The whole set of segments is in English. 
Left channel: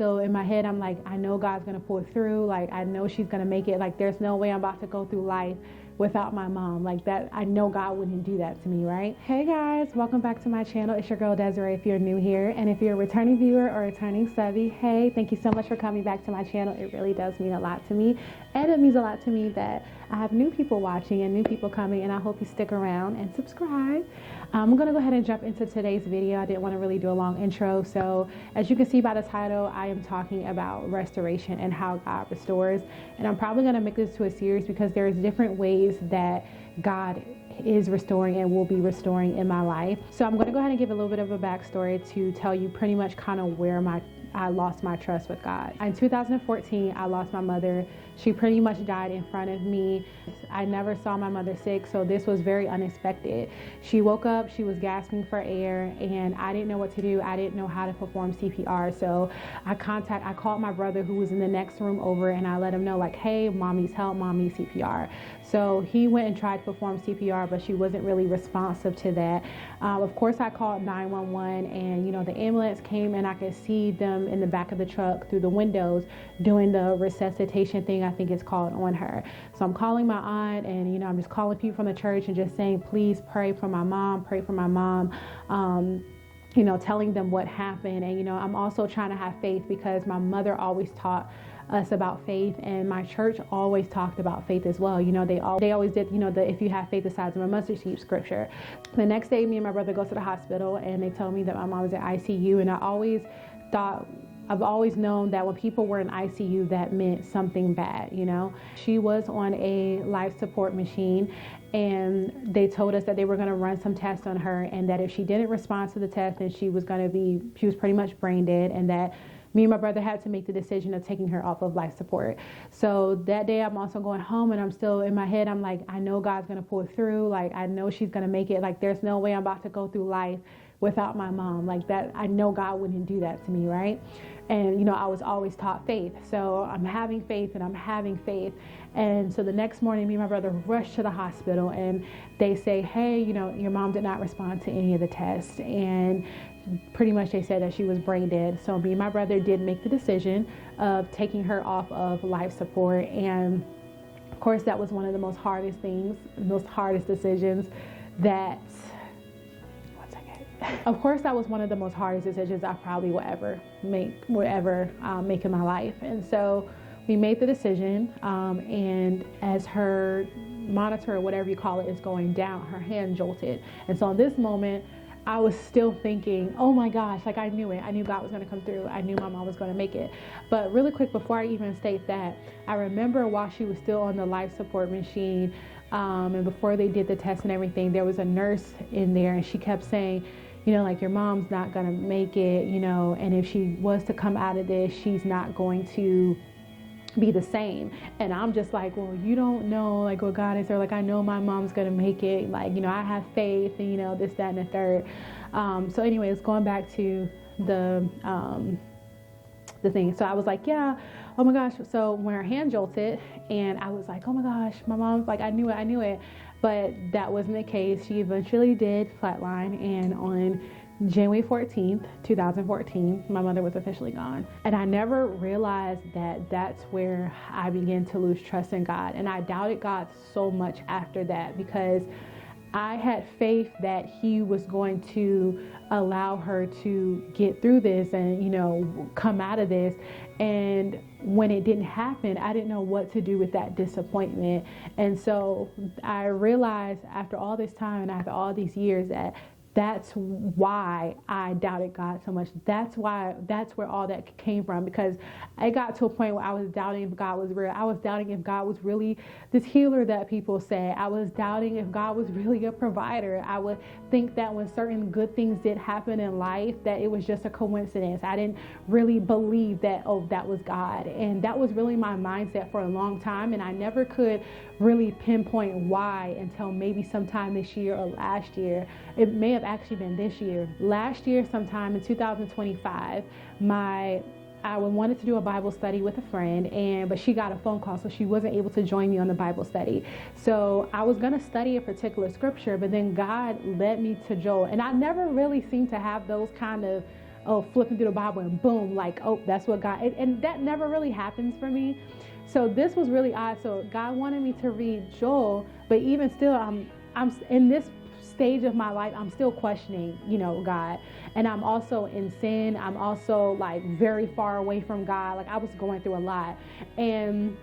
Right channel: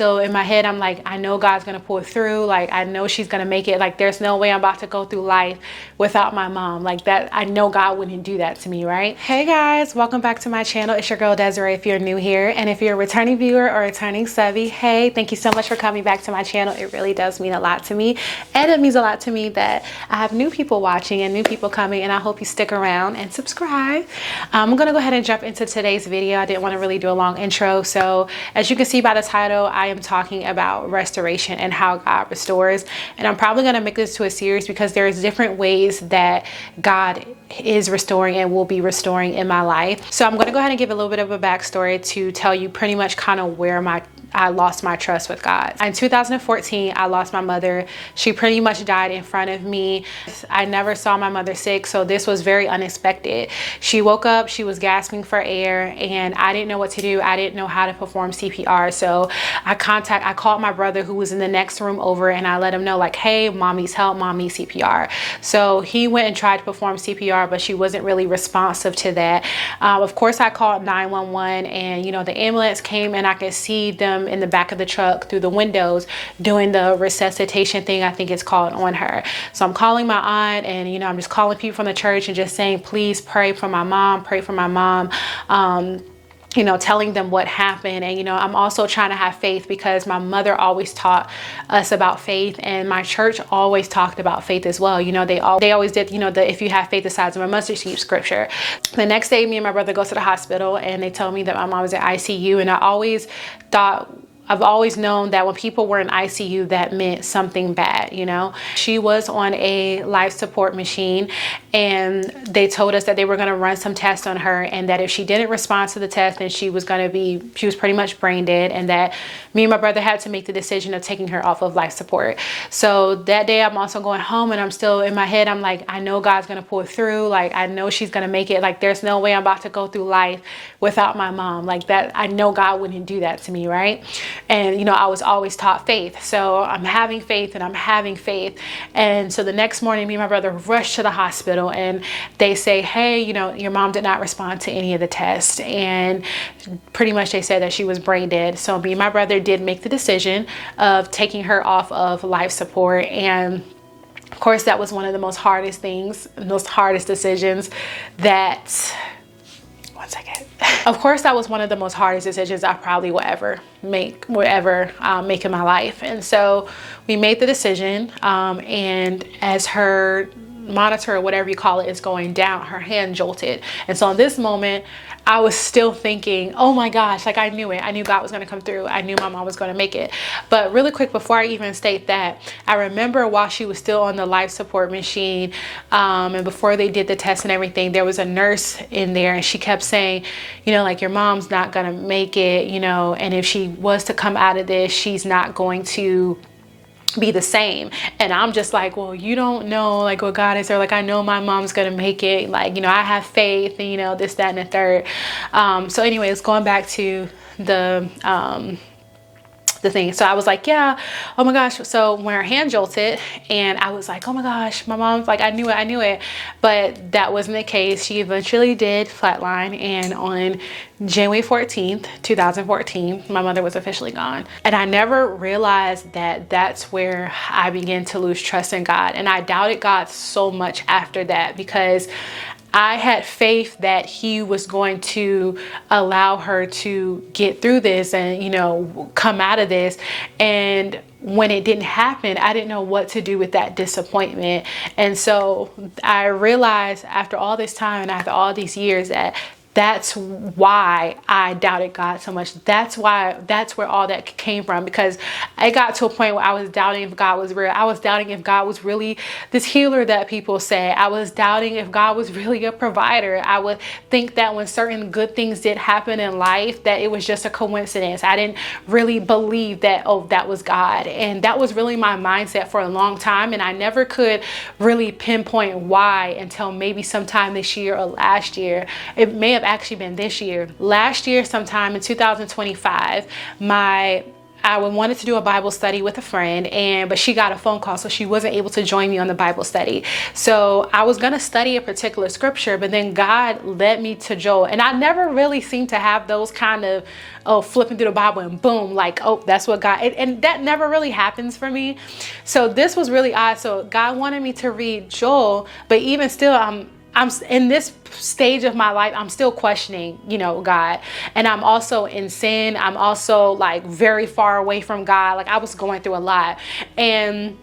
So in my head, I'm like, I know God's gonna pull through. Like, I know she's gonna make it. Like, there's no way I'm about to go through life without my mom. Like that, I know God wouldn't do that to me, right? Hey guys, welcome back to my channel. It's your girl Desiree if you're new here. And if you're a returning viewer or returning subby, hey, thank you so much for coming back to my channel. It really does mean a lot to me. And it means a lot to me that I have new people watching and new people coming, and I hope you stick around and subscribe. I'm gonna go ahead and jump into today's video. I didn't wanna really do a long intro. So as you can see by the title, I am talking about restoration and how God restores. And I'm probably going to make this to a series because there's different ways that God is restoring and will be restoring in my life. So I'm going to go ahead and give a little bit of a backstory to tell you pretty much kind of where I lost my trust with God. In 2014, I lost my mother. She pretty much died in front of me. I never saw my mother sick, so this was very unexpected. She woke up, she was gasping for air, and I didn't know what to do. I didn't know how to perform CPR. So I called my brother who was in the next room over, and I let him know like, hey, mom needs help, mom needs CPR. So he went and tried to perform CPR, but she wasn't really responsive to that. Of course, I called 911, and the ambulance came, and I could see them in the back of the truck through the windows doing the resuscitation thing, I think it's called, on her. So I'm calling my aunt, and I'm just calling people from the church and just saying, please pray for my mom, pray for my mom. Telling them what happened. And I'm also trying to have faith because my mother always taught us about faith, and my church always talked about faith as well. They always did, the if you have faith the size of a mustard seed scripture. The next day, me and my brother go to the hospital, and they told me that my mom was in ICU, and I've always known that when people were in ICU, that meant something bad, She was on a life support machine, and they told us that they were going to run some tests on her, and that if she didn't respond to the test, then she was pretty much brain dead, and that me and my brother had to make the decision of taking her off of life support. So that day I'm also going home, and I'm still in my head, I'm like, I know God's going to pull through. Like, I know she's going to make it. Like, there's no way I'm about to go through life without my mom. Like that, I know God wouldn't do that to me, right? And I was always taught faith. So I'm having faith and I'm having faith. And so the next morning, me and my brother rushed to the hospital, and they say, hey, your mom did not respond to any of the tests. And pretty much they said that she was brain dead. So me and my brother did make the decision of taking her off of life support. And of course, that was one of the most hardest decisions that, one second. Of course, that was one of the most hardest decisions I probably will ever make in my life. And so we made the decision, and as her monitor or whatever you call it is going down, her hand jolted. And so in this moment, I was still thinking, oh my gosh, like I knew it. I knew God was going to come through. I knew my mom was going to make it. But really quick, before I even state that, I remember while she was still on the life support machine, and before they did the test and everything, there was a nurse in there, and she kept saying, like, your mom's not going to make it, and if she was to come out of this, she's not going to be the same. And I'm just like, well, you don't know like what God is, there. Like, I know my mom's gonna make it. Like, I have faith, and this, that, and the third. So anyways, going back to the thing. So I was like, yeah, oh my gosh. So when her hand jolted, and I was like, oh my gosh, my mom's like, I knew it. But that wasn't the case. She eventually did flatline, and on January 14th, 2014, my mother was officially gone. And I never realized that that's where I began to lose trust in God. And I doubted God so much after that, because I had faith that he was going to allow her to get through this and, come out of this. And when it didn't happen, I didn't know what to do with that disappointment. And so I realized after all this time and after all these years that that's why I doubted God so much. That's where all that came from, because I got to a point where I was doubting if God was real. I was doubting if God was really this healer that people say. I was doubting if God was really a provider. I would think that when certain good things did happen in life, that it was just a coincidence. I didn't really believe that, oh, that was God. And that was really my mindset for a long time. And I never could really pinpoint why until maybe sometime this year or last year. It may have actually been this year. Last year, sometime in 2025, my I wanted to do a Bible study with a friend, but she got a phone call, so she wasn't able to join me on the Bible study. So I was going to study a particular scripture, but then God led me to Joel. And I never really seem to have those kind of, flipping through the Bible and boom, like, oh, that's what God, and that never really happens for me. So this was really odd. So God wanted me to read Joel, but even still, I'm in this stage of my life, I'm still questioning, God. And I'm also in sin. I'm also like very far away from God. Like I was going through a lot. And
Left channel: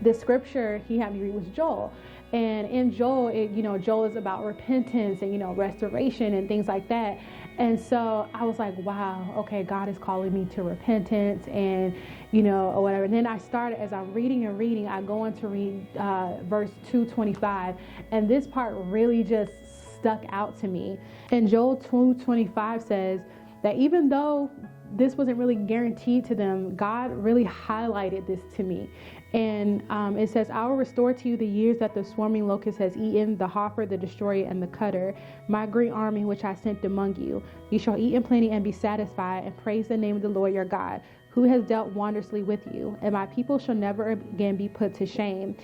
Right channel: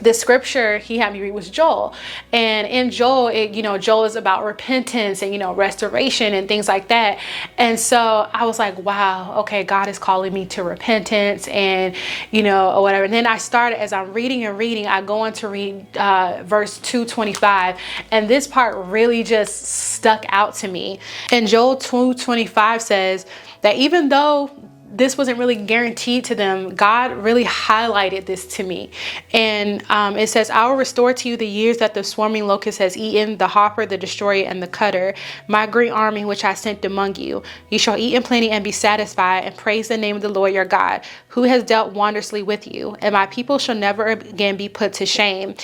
the scripture he had me read was Joel. And in Joel, Joel is about repentance and, restoration and things like that. And so I was like, wow, okay, God is calling me to repentance and, or whatever. And then I started, as I'm reading, I go on to read verse 2:25. And this part really just stuck out to me. And Joel 2:25 says that even though this wasn't really guaranteed to them, God really highlighted this to me. And it says, I will restore to you the years that the swarming locust has eaten, the hopper, the destroyer, and the cutter, my great army which I sent among you. You shall eat in plenty and be satisfied, and praise the name of the Lord your God, who has dealt wondrously with you. And my people shall never again be put to shame.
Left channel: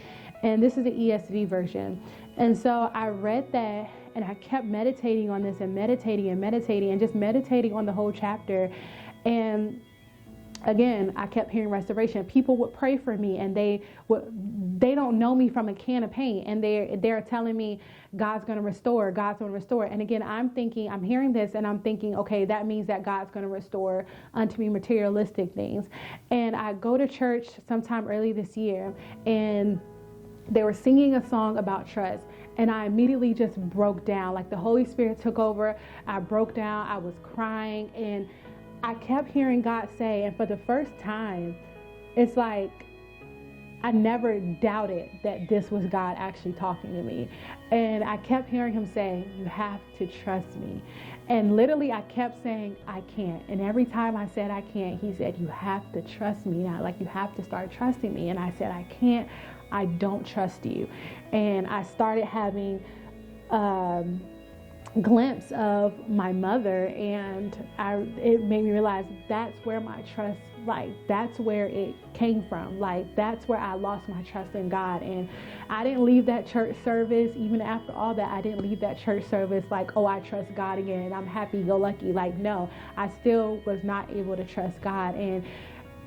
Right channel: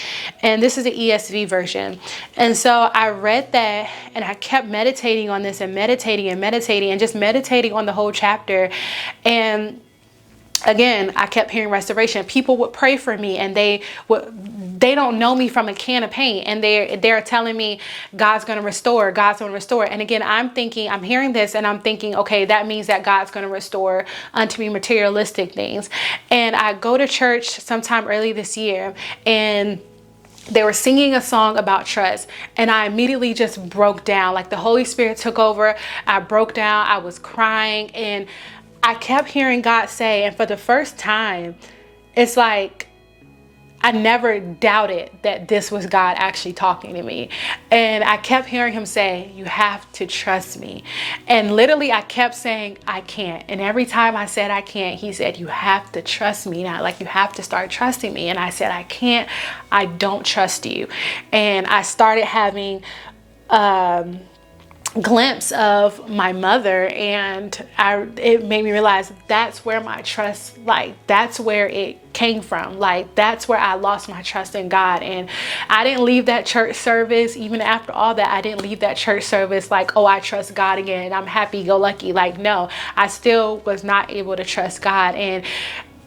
And this is the ESV version. And so I read that and I kept meditating on this and meditating and just meditating on the whole chapter. And again, I kept hearing restoration. People would pray for me and they don't know me from a can of paint. And they're telling me God's going to restore. And again, I'm hearing this and I'm thinking, okay, that means that God's going to restore unto me materialistic things. And I go to church sometime early this year, and they were singing a song about trust, and I immediately just broke down. Like the Holy Spirit took over. I broke down. I was crying, and I kept hearing God say, and for the first time, it's like I never doubted that this was God actually talking to me. And I kept hearing him say, you have to trust me. And literally I kept saying, I can't. And every time I said I can't, he said, you have to trust me now. Like you have to start trusting me. And I said, I can't, I don't trust you. And I started having glimpse of my mother, and it made me realize that's where my trust, like that's where it came from. Like that's where I lost my trust in God. And I didn't leave that church service. Even after all that, I didn't leave that church service like, oh, I trust God again, I'm happy go lucky. Like no, I still was not able to trust God. And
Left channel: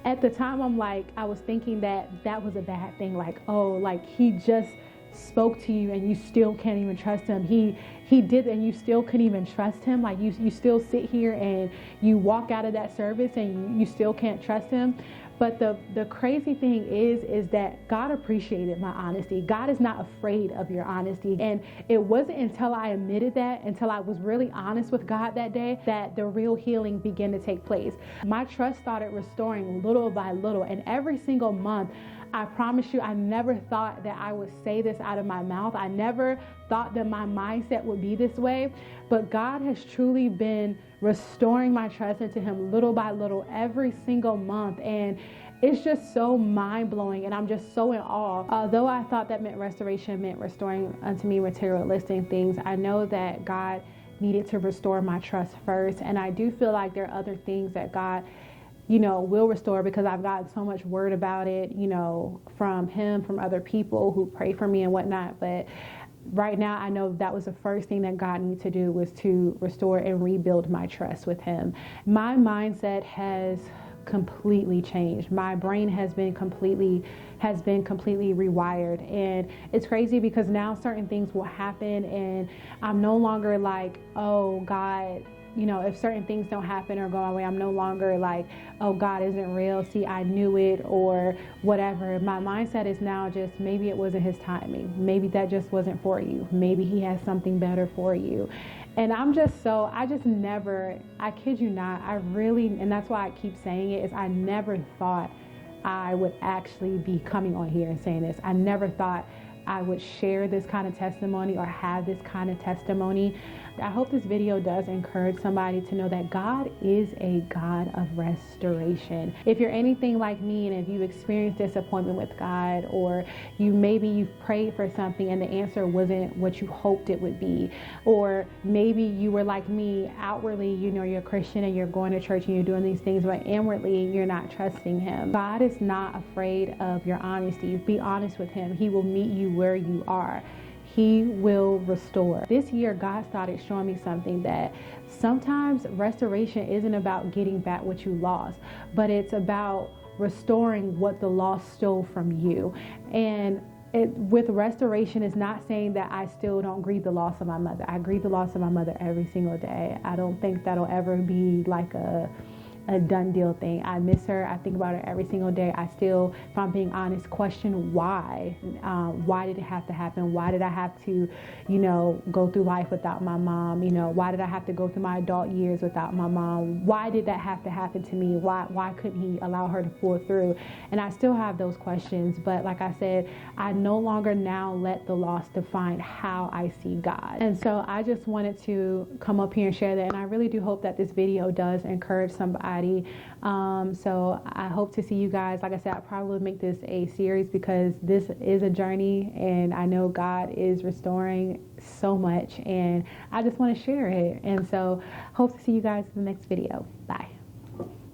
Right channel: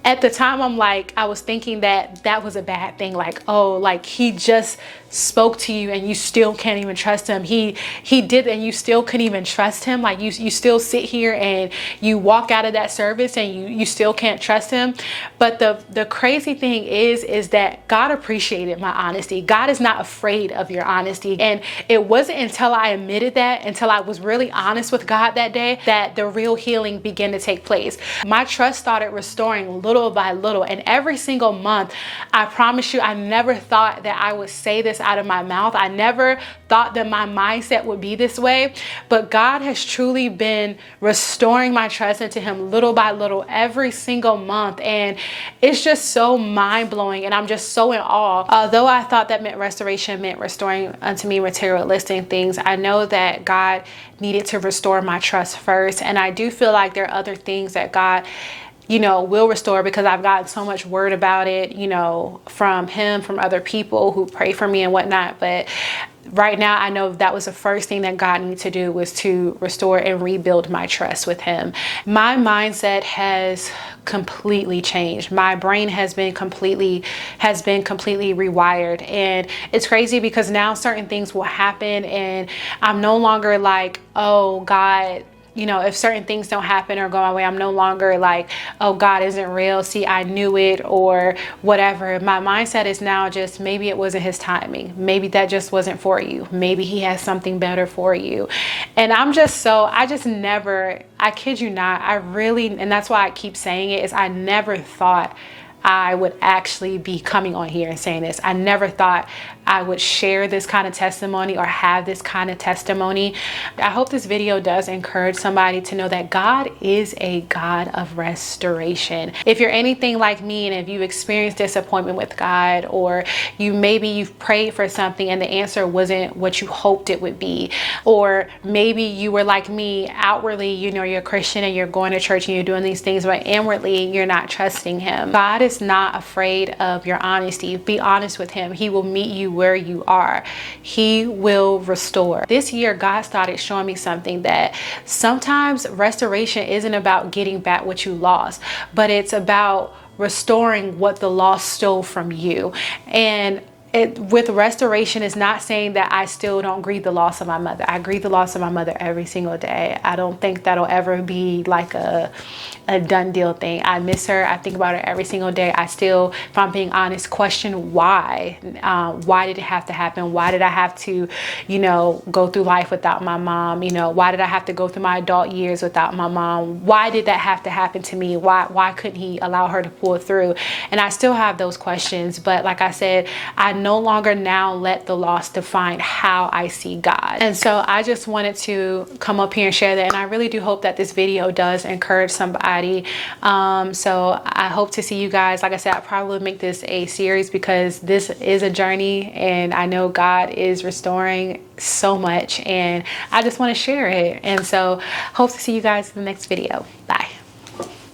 at the time, I was thinking that was a bad thing. Like, oh, like he just spoke to you and you still can't even trust him. He did, and you still couldn't even trust him. Like you still sit here and you walk out of that service and you still can't trust him. But the crazy thing is that God appreciated my honesty. God is not afraid of your honesty. And it wasn't until I admitted that, until I was really honest with God that day, that the real healing began to take place. My trust started restoring little by little. And every single month, I promise you, I never thought that I would say this out of my mouth. I never thought that my mindset would be this way, but God has truly been restoring my trust into him little by little every single month. And it's just so mind-blowing, and I'm just so in awe. Although I thought that restoration meant restoring unto me materialistic things, I know that God needed to restore my trust first. And I do feel like there are other things that God will restore, because I've gotten so much word about it, from him, from other people who pray for me and whatnot. But right now, I know that was the first thing that God needed to do, was to restore and rebuild my trust with him. My mindset has completely changed. My brain has been completely rewired. And it's crazy because now certain things will happen and I'm no longer like, oh God, if certain things don't happen or go my way, I'm no longer like, oh, God isn't real. See, I knew it, or whatever. My mindset is now just, maybe it wasn't his timing. Maybe that just wasn't for you. Maybe he has something better for you. And I kid you not, and that's why I keep saying it, is I never thought I would actually be coming on here and saying this. I never thought I would share this kind of testimony or have this kind of testimony. I hope this video does encourage somebody to know that God is a God of restoration. If you're anything like me, and if you've experienced disappointment with God, or maybe you've prayed for something and the answer wasn't what you hoped it would be, or maybe you were like me, outwardly, you know, you're a Christian and you're going to church and you're doing these things, but inwardly you're not trusting him. God is not afraid of your honesty. Be honest with him. He will meet you where you are. He will restore. This year, God started showing me something, that sometimes restoration isn't about getting back what you lost, but it's about restoring what the loss stole from you. And with restoration, is not saying that I still don't grieve the loss of my mother. I grieve the loss of my mother every single day. I don't think that'll ever be like a done deal thing. I miss her. I think about her every single day. I still, if I'm being honest, question why. Why did it have to happen? Why did I have to, you know, go through life without my mom? You know, why did I have to go through my adult years without my mom? Why did that have to happen to me? Why couldn't he allow her to pull through? And I still have those questions. But like I said, I no longer now let the loss define how I see God. And so I just wanted to come up here and share that. And I really do hope that this video does encourage somebody. So I hope to see you guys. Like I said, I probably would make this a series because this is a journey, and I know God is restoring so much, and I just want to share it. And so hope to see you guys in the next video. Bye.